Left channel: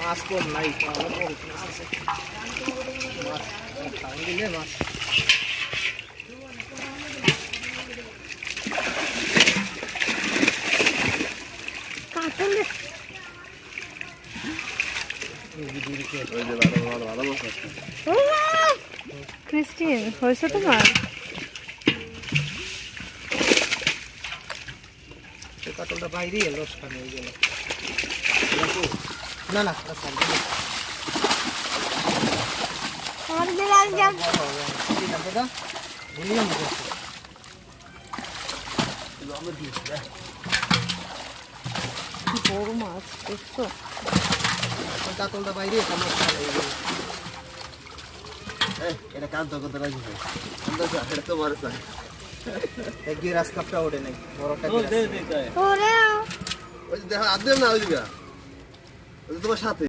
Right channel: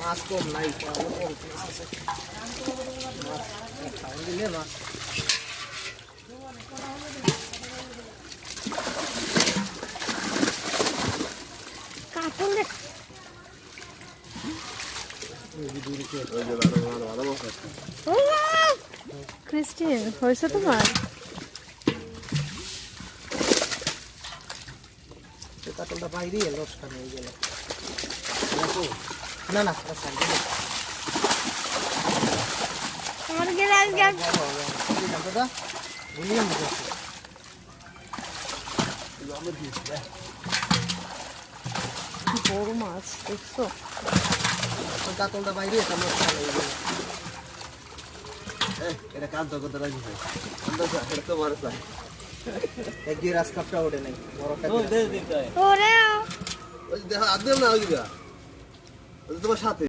মাছ কম নাই, মাছ আছে। মাছ খাওয়া দিলে মাছ ক্রিস্টিন হয়েছে তোমার? কাতলটা বাইরে লস খান হয়ে গেল। না না বড় মাছ দেখছো? কাতলটা বাইরে লস খান হয়ে গেল। এটা কান্ত কত রাজি ভাই, এটা তো মারে চাই এক দুই রাস্তাটা ওঠে নাই, বড়টা ওই দেখো আদে না ওই দিকে, তোমার সাথে